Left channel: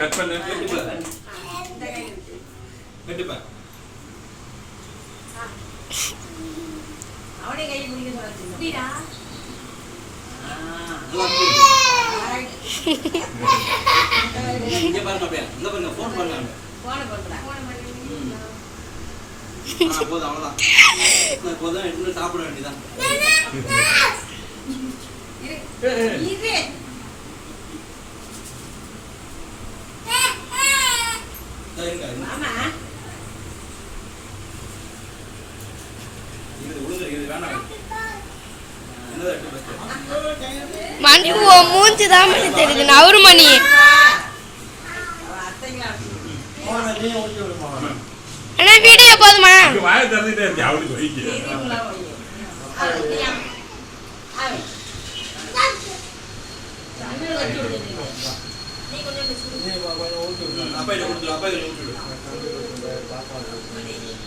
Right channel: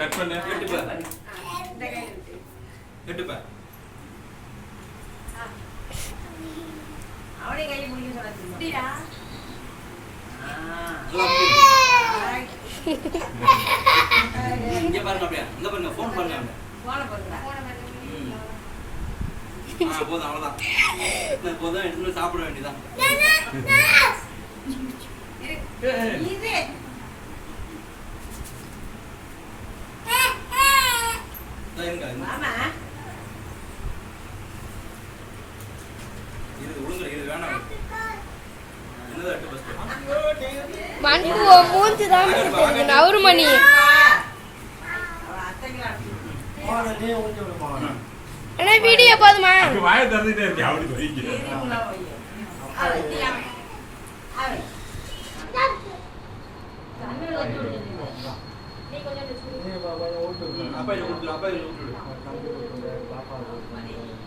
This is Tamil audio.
கட் பண்ணு கண்டிப்பா அவனே கை முடிக்க சொல்லுடா இங்க பாருங்க அப்படியே இந்த பாருங்க ஃபோன் பண்ணுங்க போன பண்ணுடா போதும் அவ்வளவுதான் போதும் இன்னும் சாப்பிட வேண்டியதான் இது மாமா இது உள்ள இது வேணாம் மணி மூஞ்சி தான் மணி தெரியுது நவரு மணி அண்ணா வீடியோ போதுமா வாயை திறந்துட்டே இருக்கு அவளுக்கு வைக்க அப்பா இதை கொடுத்துரு அப்பா இதை விட்டுடு